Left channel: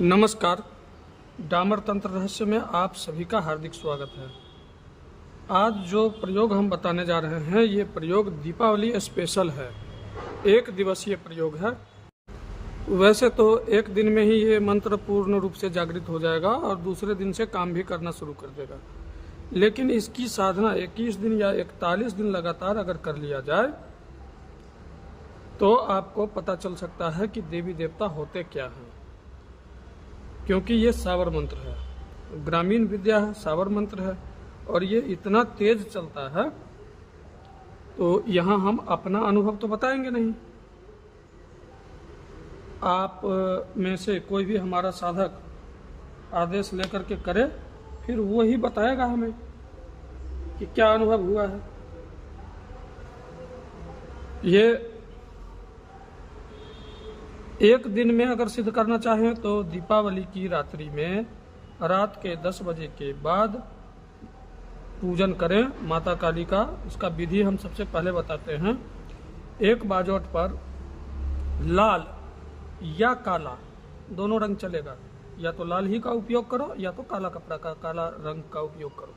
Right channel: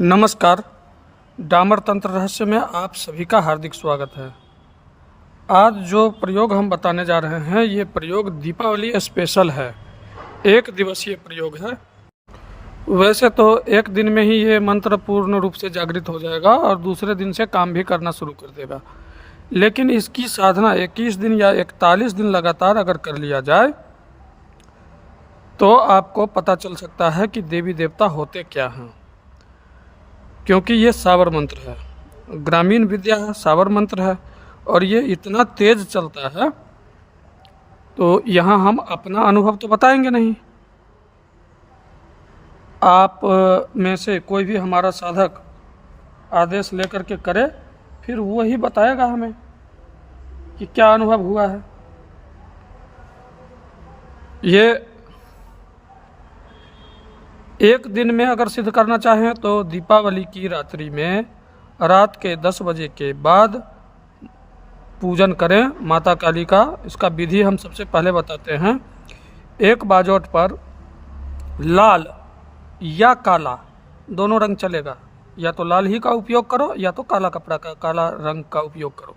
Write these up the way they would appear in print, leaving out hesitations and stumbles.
नमस्कार। डामर तंत्र रहस्य में आप सभी का हार्दिक स्वागत है। आज जो प्रयोग हम बताने जा रहे हैं ये प्रयोग दीपावली स्पेशल है। एक दिवसीय प्रयोग है। वैसे तो एक दिन में ही ये मंत्र पूर्ण रूप से जागृत हो जाएगा और दूसरे दिन से काम भी करना शुरू कर देगा, लेकिन इसकी साधना 21 दिन या 41 दिन लगातार अगर कर लिया जाए तो आपको पता चल सकता है कि देवी देवता होते क्या हैं। क्योंकि ये सावर मंत्र है, ग्रामीण विद्या है, सावर मंत्र है और ये इतना तेज चलता है तो यहाँ हम अपना अनुभव तो बताएंगे नहीं। आप में से कोई भी हमारा साधक आदेश लेकर के करे, फिर वो ही बताएगा हमें कि क्या अनुभव हुआ है। ये एक दिन में अगर सिद्ध करना चाहें तो दीपावली की रात्रि में रात के 10 बजे के बाद पूजन करें माता काली का। इसका विधि हम सबसे पहले बताते हैं। एक बाजोट पर लाल या काला दोनों रंग चलेगा, या तो लाल ही का उपयोग करो या तो काला कपड़ा का, काला रंग का उपयोग करो।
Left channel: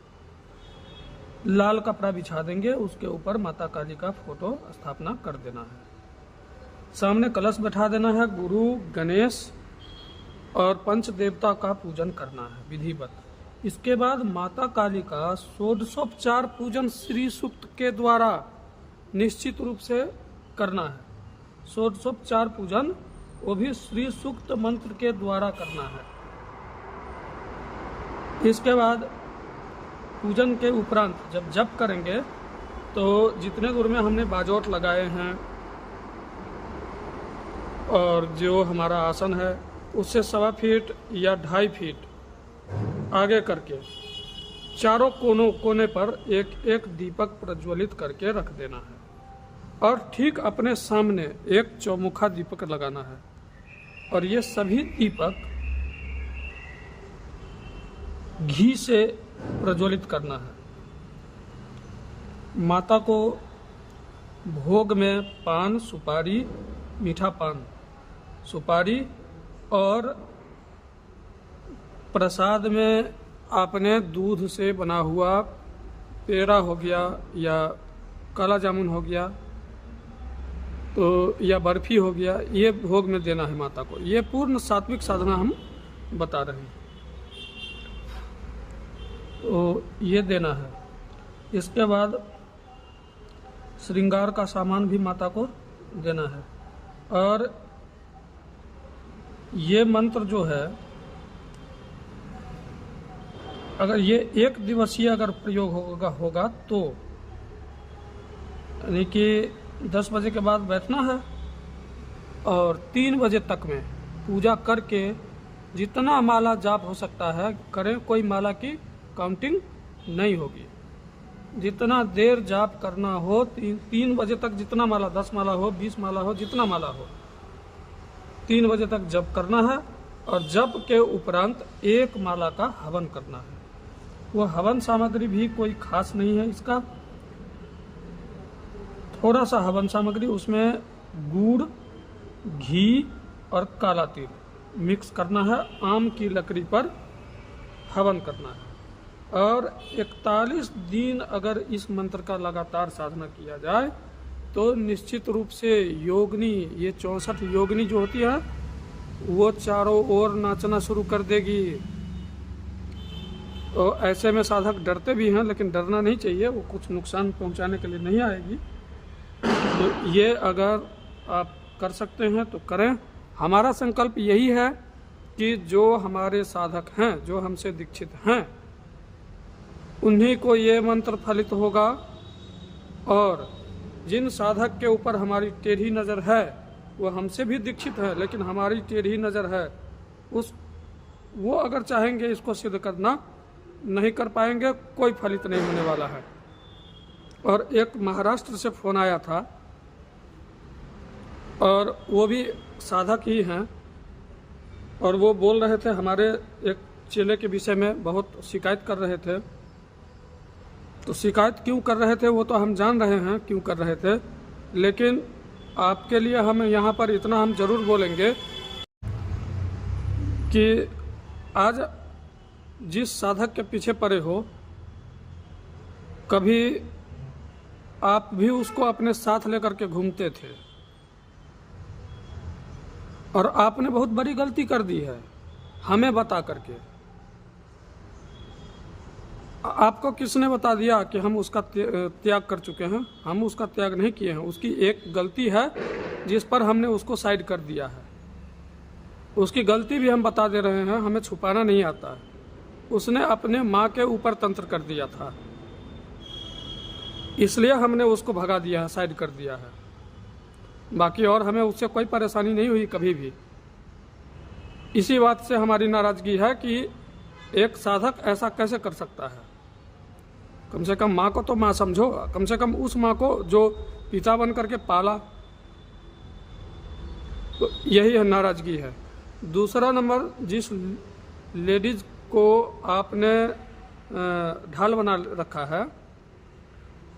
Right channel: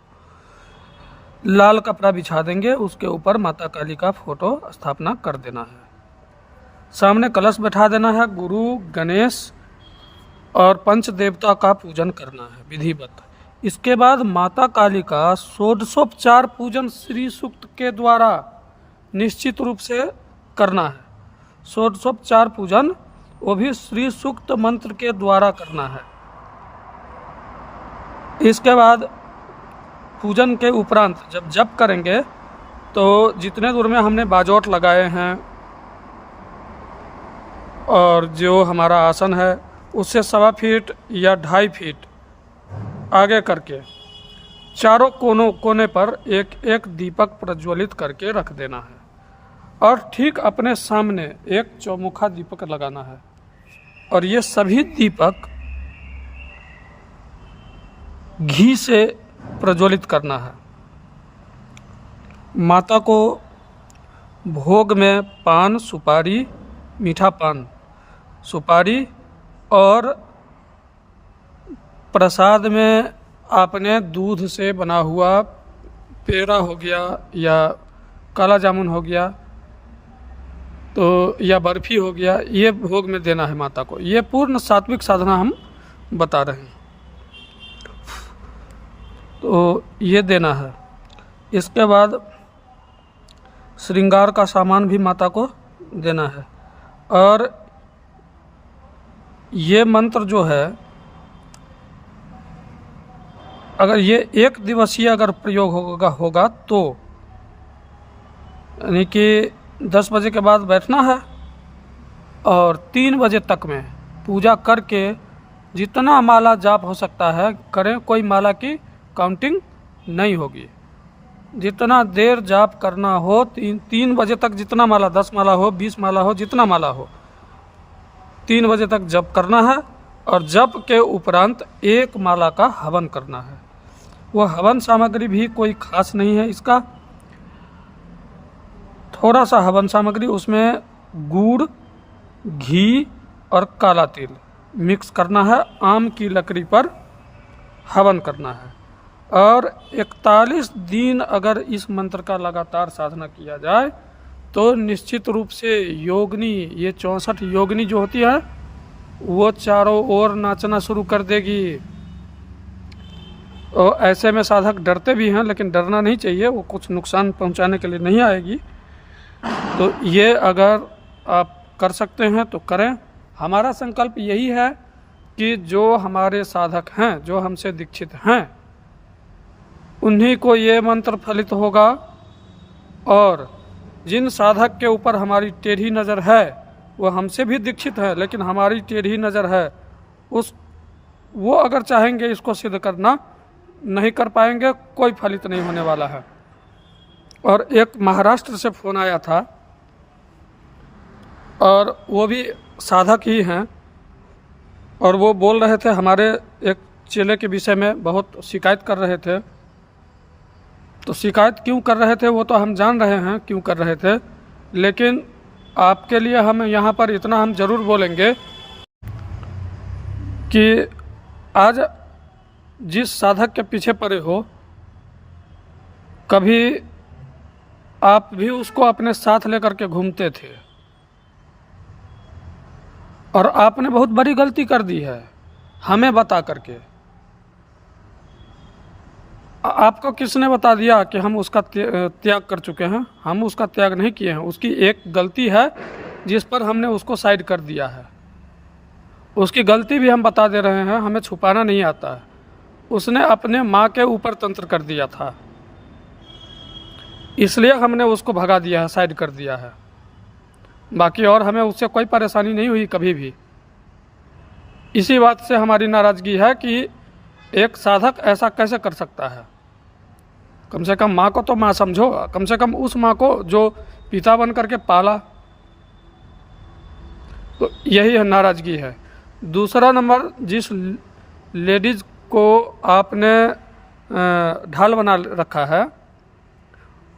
लाल कपड़ा बिछा देंगे, उसके ऊपर माता काली का फोटो स्थापना कर देना है। सामने कलश बैठा देना है। गुरु, गणेश और पंच देवता का पूजन करना है विधिवत। इसके बाद माता काली का षोडशोपचार पूजन श्री सूक्त के द्वारा निश्चित रूप से करना है। षोडशोपचार पूजन वो भी श्री सूक्त मंत्र के द्वारा करना है। इसके बाद पूजन के उपरांत जब जप करेंगे तो जितने दूर में हमने बाजोट लगाए हैं और जो हमारा आसन है उससे 1.25 फीट या 2.5 फीट आगे करके चारों कोने पर एक एक दीपक प्रज्वलित करके रख देना है और ठीक अपने सामने एक चौमुखा दीपक लगाना है। और ये सभी दीपक घी से प्रज्वलित करना है। माता को भोग में पान, सुपारी, मीठा पान, सुपारी और प्रसाद में आपने दूध से बना हुआ पेड़ा हो गया या काला जामुन हो गया तो या बर्फी हो गया, ये भोग में देना है माता को। ये पूर्ण सात्विक साधना हम बता रहे हैं, तो ये देना है। इसके बाद श्रृंगार का सामान भी माता को देना है। और ये मंत्र जो है अगर ये एक दिवसीय अगर प्रयोग होगा तो यानी कि 10 बजे के बाद बैठना है और 3 बजे तक में पूजा करके जितना माला जाप हो सकता है करें। कोई माला की काउंटिंग नहीं होगी। जितना देर जाप करना हो 3 बजे तक, जितना माला, 10 माला हो, 20 माला हो, जितना माला हो, 3 बजे तक जप करना है। और जप के उपरांत 1 माला का हवन करना है। वह हवन सामग्री भी कोई खास नहीं है। इसका थोड़ा सा हवन सामग्री, उसमें गुड़, घी और काला तिल मिक्स करना है। आम की लकड़ी पर हवन करना है। और 41 दिन अगर इस मंत्र का लगातार साधना किया जाए तो निश्चित रूप से योगिनी, ये 64 योगिनी जो होती है वो चारों ओर नाचना शुरू कर देगी। और ऐसे में साधक डरते भी हैं, लेकिन डरना नहीं चाहिए, वो कुछ नुकसान पहुंचाने के लिए नहीं आएगी। तो ये अगर आप कर सकते हैं तो करें। हमारा संकल्प यही है कि जो हमारे साधक हैं, जो हमसे दीक्षित हैं, उन्हीं को ये मंत्र फलित होगा। और जिन साधक के ऊपर हमारी टेढ़ी नज़र है वो हमसे भी दीक्षित है, लेकिन हमारी टेढ़ी नज़र है, वो अगर चाहेंगे इसको सिद्ध करना, नहीं कर पाएंगे, कोई फलित नहीं होने वाला है। और एक महाराष्ट्र से फ़ोन आया था और वो भी साधक ही हैं और वो बोल रहे थे, हमारे एक चेले के विषय में बहुत शिकायत कर रहे थे। तो शिकायत क्यों कर रहे थे वो तो हम जान रहे हैं क्यों कर रहे थे, लेकिन आपके लिए हम यहाँ पर इतना हम ज़रूर बोलेंगे कि आज जिस साधक के पीछे पड़े हो, कभी आप भी उसको अपने साथ लेकर के घूमते थे और आपने बहुत बड़ी गलती कर दी है हमें बता करके। आपको किसने बता दिया कि हम उसका त्याग कर चुके हैं? हम उसका त्याग नहीं किए हैं। उसकी एक गलती है जिस पर हमने उसको साइड कर दिया है। उसकी गलती भी हम बता दे रहे हैं, हमें छुपाना नहीं आता है। उसने अपने माँ के ऊपर तंत्र कर दिया था, इसलिए हमने उसको भगा दिया है, साइड कर दिया है। बाकी और हमें उससे कोई परेशानी नहीं हुई कभी भी। इसी बात से हमारी नाराज़गी है कि एक साधक ऐसा कैसे कर सकता है। कम से कम माँ को तो माँ समझो, कम से कम उस माँ को जो पिता बन करके पाला। तो यही है नाराज़गी है। दूसरा नंबर, जिस लेडीज़ को आपने ढाल बना रखा है,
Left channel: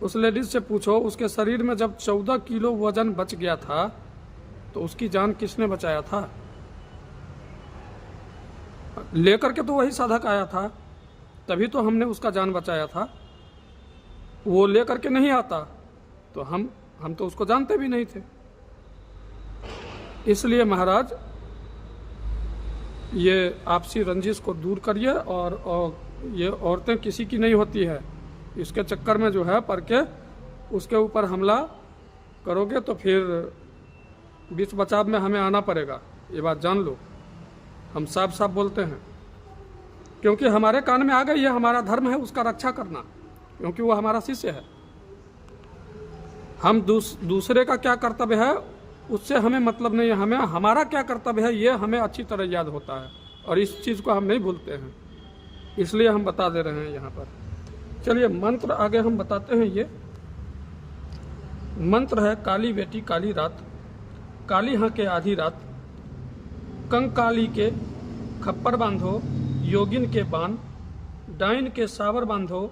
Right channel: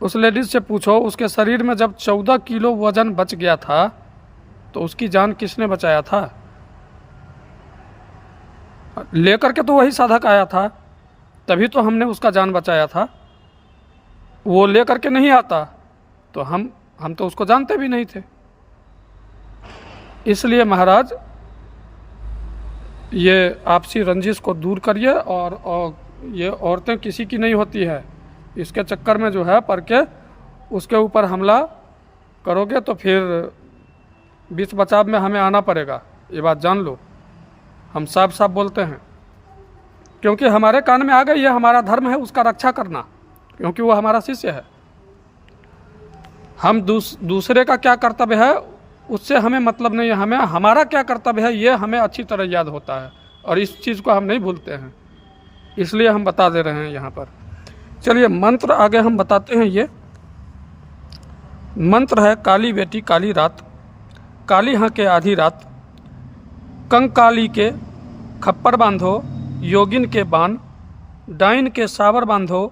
उस लेडीज़ से पूछो उसके शरीर में जब 14 किलो वजन बच गया था तो उसकी जान किसने बचाया था? लेकर के तो वही साधक आया था, तभी तो हमने उसका जान बचाया था। वो लेकर के नहीं आता तो हम तो उसको जानते भी नहीं थे। इसलिए महाराज, ये आपसी रंजिश को दूर करिए और ये औरतें किसी की नहीं होती है। इसके चक्कर में जो है पढ़ के उसके ऊपर हमला करोगे तो फिर बीच बचाव में हमें आना पड़ेगा। ये बात जान लो, हम साफ साफ बोलते हैं, क्योंकि हमारे कान में आ गई है। हमारा धर्म है उसका रक्षा करना, क्योंकि वो हमारा शिष्य है। हम दूसरे का क्या कर्तव्य है उससे हमें मतलब नहीं है। हमें हमारा क्या कर्तव्य है ये हमें अच्छी तरह याद होता है और इस चीज़ को हम नहीं भूलते हैं, इसलिए हम बता दे रहे हैं यहाँ पर। चलिए मंत्र आगे हम बताते हैं। ये मंत्र है: काली बेटी काली रात, काली हाँ के आधी रात, कंकाली के खप्पर बांधो योगिन के बान, डाइन के सावर बांधो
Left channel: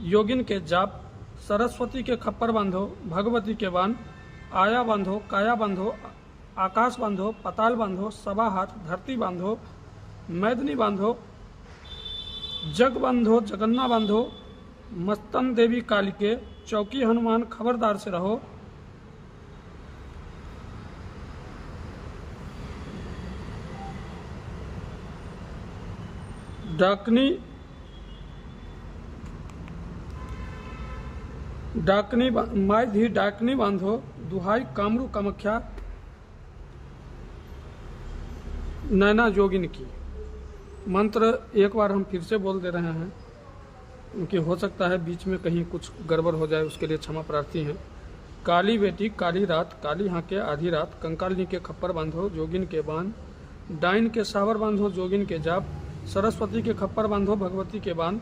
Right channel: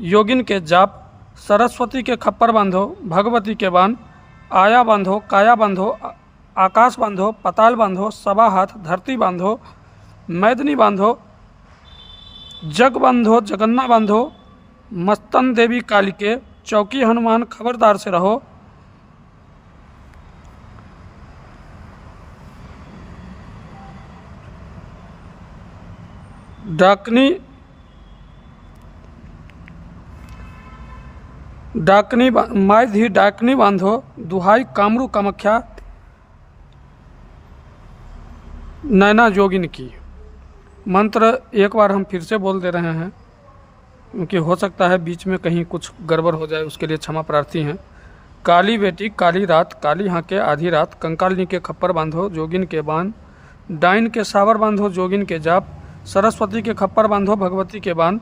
योगिन के जाप, सरस्वती के खप्पर बांधो भगवती के बान, आया बांधो काया बांधो आकाश बांधो पताल बांधो, सबा हाथ धरती बांधो, मैदनी बांधो, जग बांधो जगन्ना बांधो, मस्तन देवी काली के, चौकी हनुमान खबरदार से रहो। डाकनी माय धी डाकनी बांधो, दुहाई कामरू कामख्या नैना जोगिन की। मंत्र एक बार हम फिर से बोल दे रहे हैं, क्योंकि हो सकता है बीच में कहीं कुछ गड़बड़ हो जाए, उसके लिए क्षमा प्रार्थी हैं। काली बेटी काली रात, काली हाँ के आधी रात, कंकालिनी के खप्पर बांधो जोगिन के बान, डाइन के सावर बांधो जोगिन के जाप, सरस्वती के खप्पर बांधो भगवती के बान,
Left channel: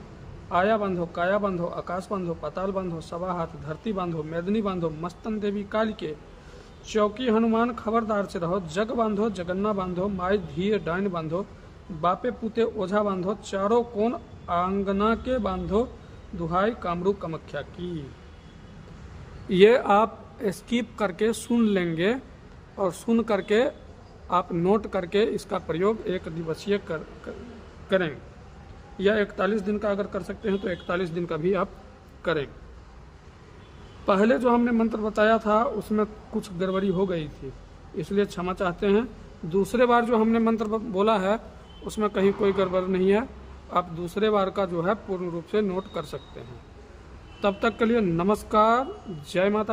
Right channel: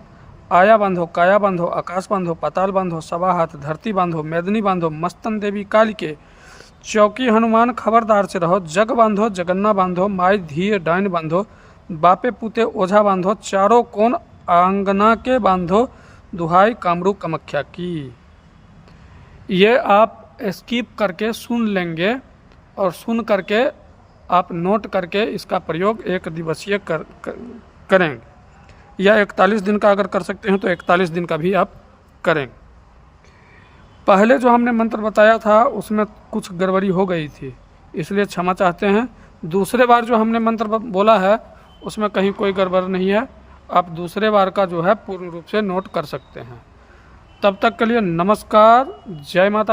आया बांधो काया बांधो आकाश बांधो पताल बांधो, सबा हाथ धरती बांधो, मैदनी बांधो, मस्तन देवी काली के, चौकी हनुमान खबरदार से रहो, जग बांधो जगन्ना बांधो, माय धी डाइन बांधो, बापे पुते ओझा बांधो, चारों कोण आंगना के बांधो, दुहाई कामरू कामख्या की। ये आप स्किप करके सुन लेंगे और सुन करके आप नोट करके इसका प्रयोग 1 दिवसीय करेंगे, या 41 दिन का अगर कर सकते हैं तो 41 दिन का भी आप करेंगे। पहले जो हमने मंत्र बताया था उसमें कुछ गड़बड़ी हो गई थी, इसलिए क्षमा चाहते हैं। दूसरे बार जो हमने मंत्र बोला है उसमें कहीं कोई गड़बड़ नहीं है। आप दूसरे बार का जो है पूर्ण रूप से नोट कर सकते हैं। तब तक के लिए नमस्कार, जय माता।